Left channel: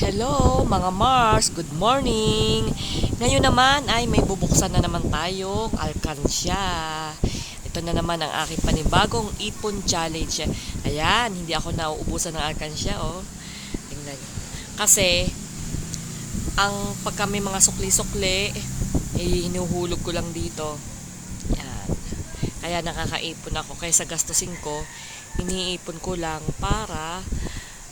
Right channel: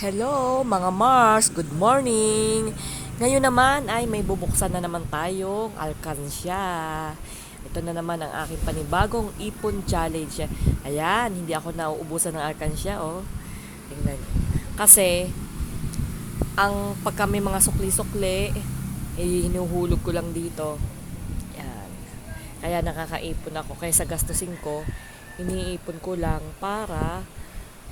Hello mga Mars, good morning! Ngayon naman ay may bubuksan na naman tayong alkansya. Ito na naman ang aking panibagong ipon challenge. Ayan, hindi ako nauubusan ng alkansya, oh. Tingnan nyo. Kasi, ang pagka may mga sukli-sukli, hinuhulog ko lang dito. Yan. Kaya nakakaipon ako. Kaysa gastusin ko, iniipon ko lang para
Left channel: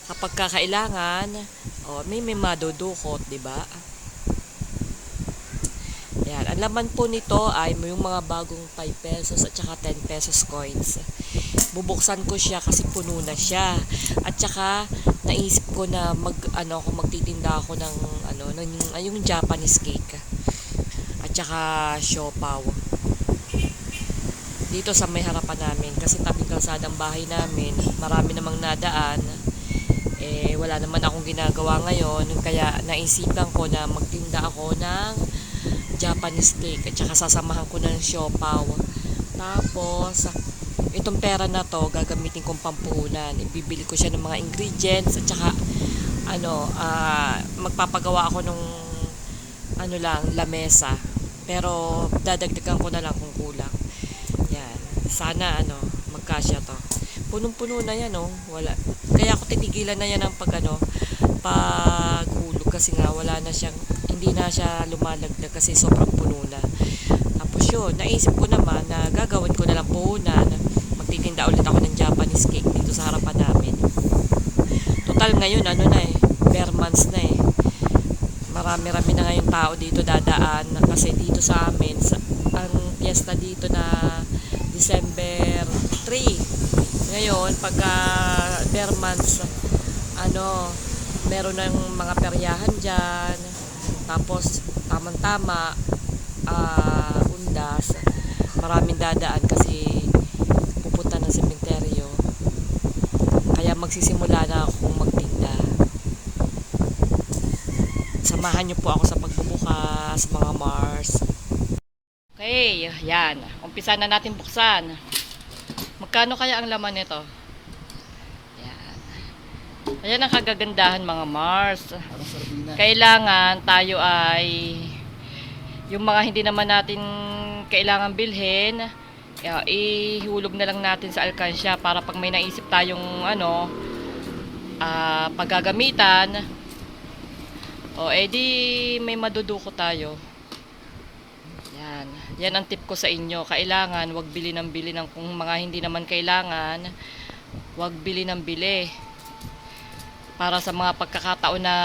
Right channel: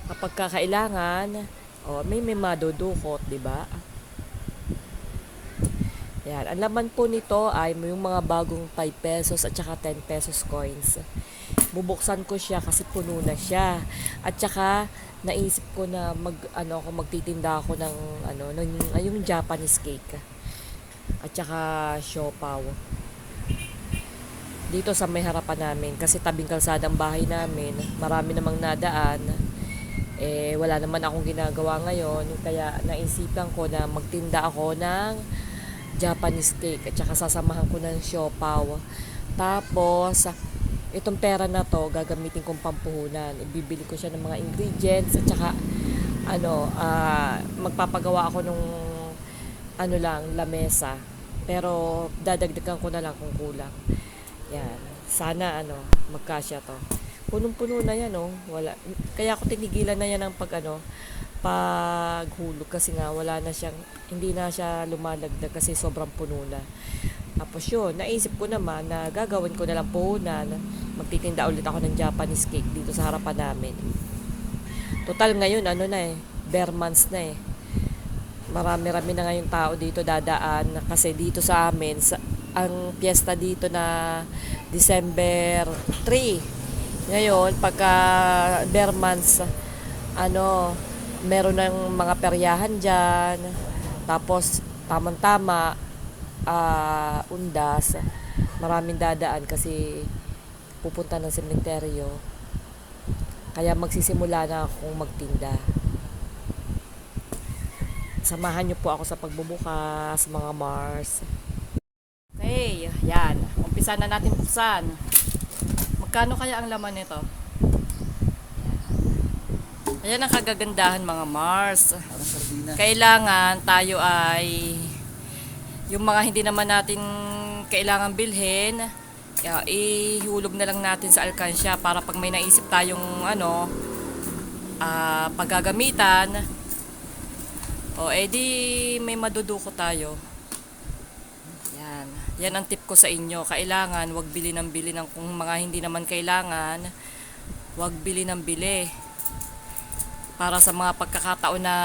kapag kakailangan, may madudukot, 'di ba? Yan, ang laman po nito ay yung mga bagong 5 pesos at saka 10 pesos coins. Bubuksan ko siya kasi puno na siya. At saka naisip ko na magtitinda ako ng yung Japanese cake. At saka siopaw. Dito sa may harapan namin kasi tabing kalsada ang bahay namin, marami namang nadaan. Wala naman akong ginagawa ngayon, kaya naisipan ko na magtinda ako ng Japanese cake at saka sasamahan ko ng siopaw. Tapos itong pera na to gagamitin kong pampuhunan. Ibibili ko siya ng mga ingredients at saka magpapagawa ako nung lamesa. Pero dadagdagan ko na lang kung kulang. Yan. Sana magkasya to. Punong-puno na yan, oh. Wala. Kaya ako tinigilan na yan ng paghulog kasi nga hindi na siya lumalagdag kasi sobrang puno na. Tapos yun, naisip ko naman na gagawin ko na lang puhunan. Magtitinda ulit ako ng Japanese cake dito sa harapan namin. Total ngayon, bare months na eh. Marami-rami na ngayong tao dito dadaan kasi dito sa amin, ang piyesta dito na December 3. Ngayon, pagka bare months, meron ng mga peryahan dyan. Tapos, tamang-tama, undas. Maraming dadaan kasi pupunta ng sementeryo. Kaya magsisimula na akong magtinda. Samahan niyo po ako sa pagbubukas, mga Mars. Okay, yan. Umpisa na natin buksan. Magkano kaya ang laman nito? Yan. Ayan ang kagagandahan, mga Mars. Kailangan tayo ay yung mga hindi naman natin kailangan bilhin, ihulog na lang natin sa alkansya para pag may naisip tayong paggagamitan, edi may maduduko tayo. Yan ang tip ko sa inyo. Kailangan wag bili ng bili ng kung mga hindi naman kailangan, wag bili ng bili. Para sa mga pagkakataon na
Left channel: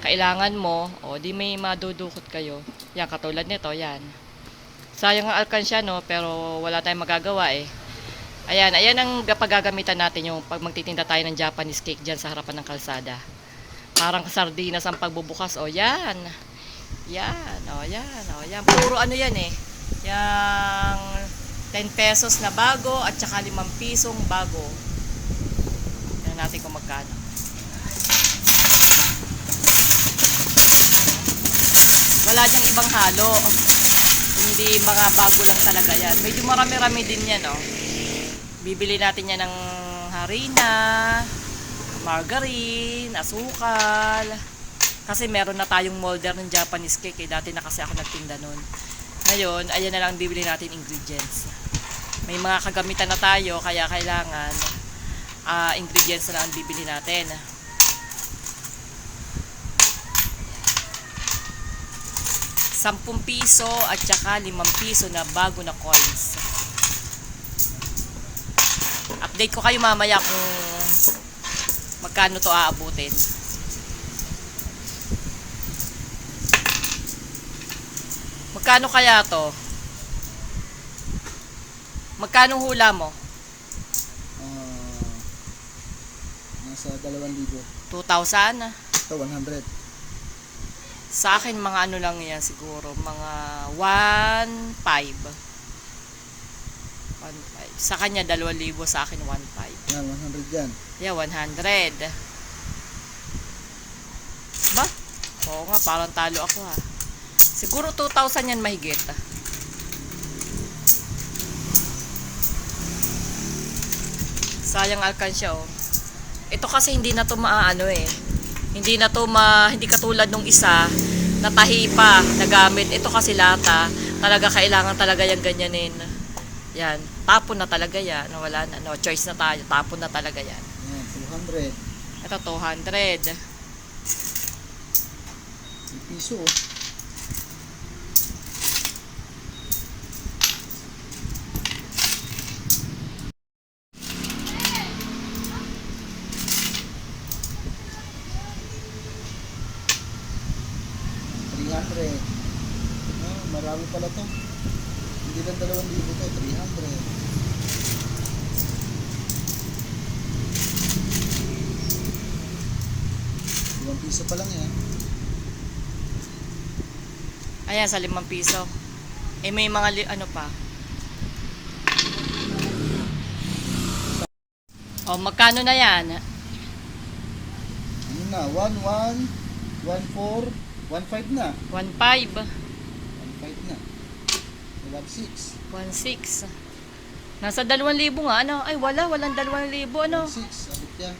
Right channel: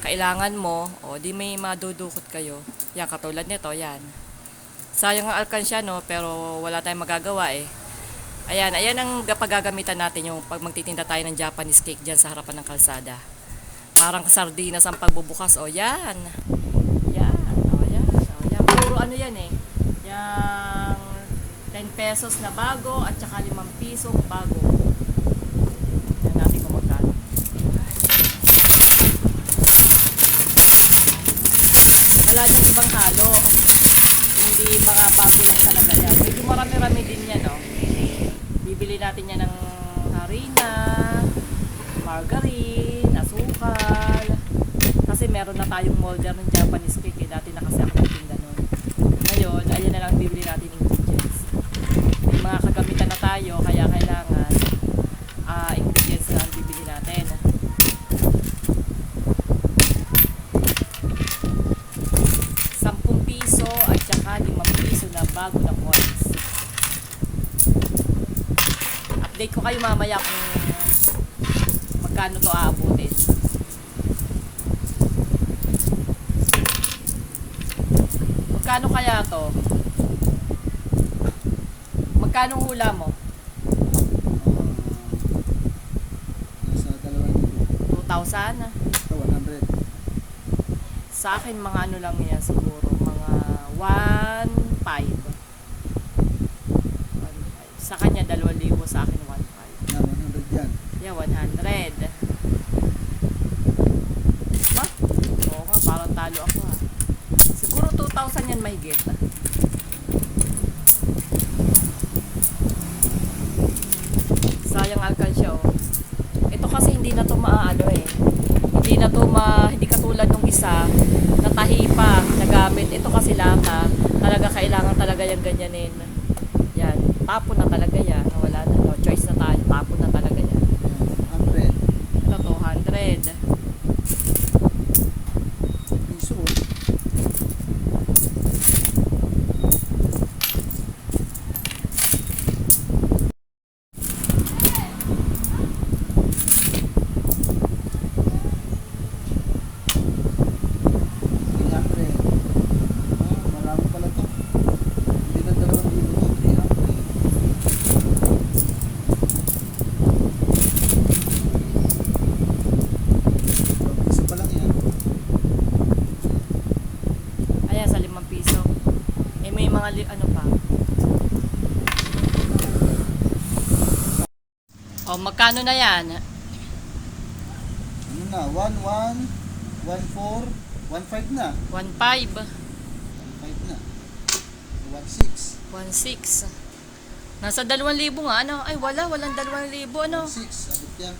kailangan mo, di may madudukot kayo. Yan, katulad nito, yan. Sayang ang alkansya, pero wala tayong magagawa eh. Ayan ang paggagamitan natin yung pag magtitinda tayo ng Japanese cake dyan sa harapan ng kalsada. Parang sardinas ang pagbubukas, yan. Yan. Puro yan eh. Yang 10 pesos na bago at saka 5 pisong bago. Tignan natin kung magkano. Wala diyang ibang halo. Hindi mga bago lang talaga yan. Medyo marami-rami din yan, Bibili natin yan ng harina, margarine, asukal. Kasi meron na tayong molder ng Japanese cake. Dati na kasi ako nagtinda nun. Ngayon, ayan na lang bibili natin ingredients. May mga kagamitan na tayo, kaya kailangan ingredients na lang bibili natin. 10 piso at saka 5 piso na bago na coins. Update ko kayo mamaya kung magkano to aabutin. Magkano kaya to? Magkano hula mo? Nasa 2,000. 2,000? Ito, 100. Sa akin, mga lang yan siguro. Mga 1,500. Sa kanya, 2,000. Sa akin, 1,500. Yan, 100 yan. Yeah, 100. Ba? Oo nga, parang talo ako Siguro 2,000 yan mahigit. Sayang alkansya Ito kasi hindi na to maano eh. Hindi katulad nung isa na tahi pa na gamit. Ito kasi lata, talaga kailangan talaga yung ganyanin. Yan, tapon na talaga yan. Wala na, no choice na tayo. Tapon na talaga yan. Ayan, 200. Ito 200. Piso. Marami pala to. Hindi lang 2,000 to, 300. Ibang piso pa lang yan. Ayan, sa 5 piso. Eh, may mga ano pa. O, magkano na yan? Ano na? 1, 1, 1, 4, 1, 5 na. 1.5. 1, 5 na. 1, 6. 1.6. Nasa 2,000 nga, ano? Ay, walang 2,000, ano? 1, 6. Abot yan.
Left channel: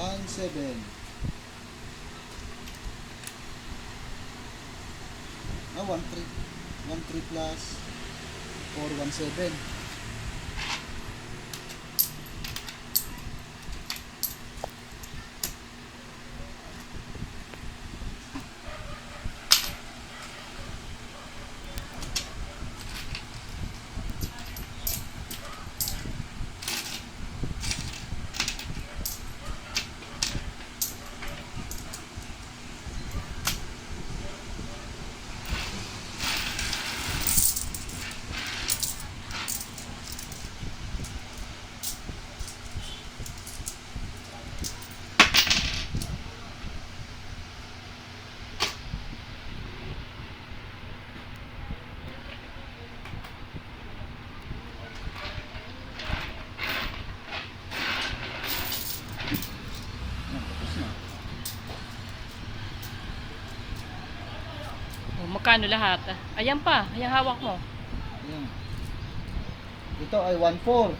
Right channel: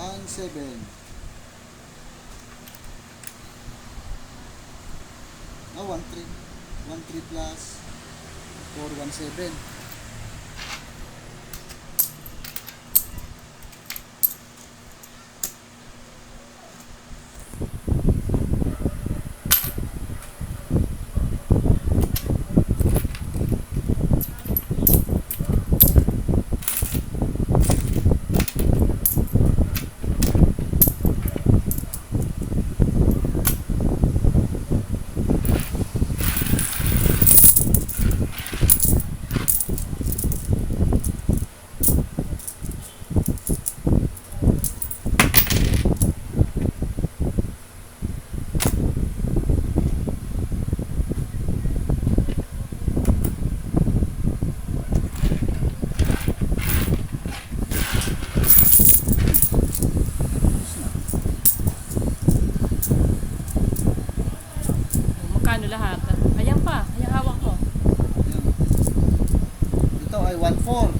One, 7. 1, 3. 1, 3 plus 4, 1, 7. O, magkano lahat? Ayan pa, ayan hawak mo. Ayan. Ito ay 1, 4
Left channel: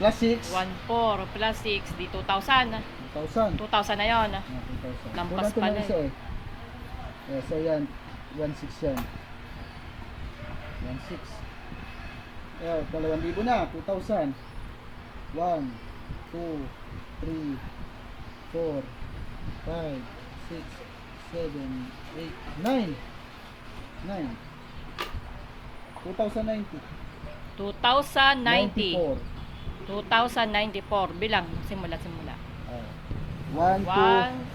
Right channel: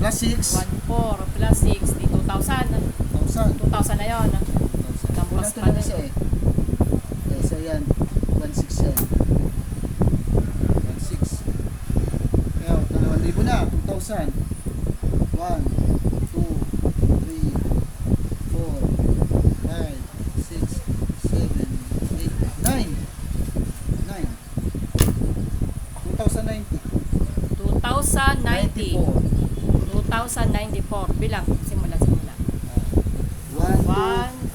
plus 6. 1.4 plus 6, di 2,000. 1,000. 2,000 na yun. 1,000. Lampas Kulang to pala ng isa eh. Okay, so yan. 1,6 yan. 1,6. Ayan, 2,000 na. 2,000. 1, 2, 3, 4, 5, 6, 7, 8, 9. 9. 2,090. 2,090. 94. 2,094. Bilang. Simula. 1, 1.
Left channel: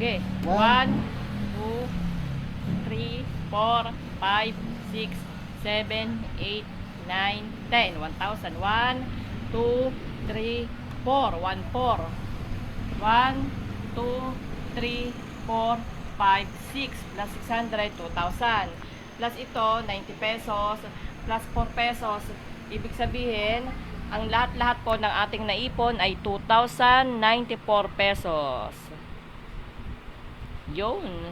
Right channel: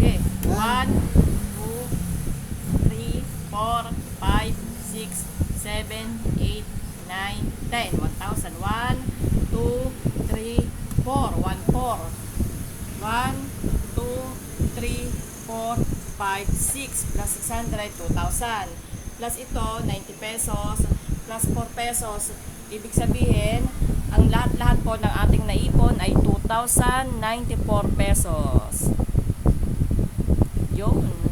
Okay. 1, 2, 3, 4, 5, 6, 7, 8, 9, 10. 1,000. 1, 2, 3, 4. 1, 4. 1, 2, 3, 4, 5, 6. Plus 600, 2,000. Plus ito, 90 pesos. Plus 4 pesos. Ibig sabihin, ang lahat-lahat po ng ating naipon ay 2,094 pesos. Yun.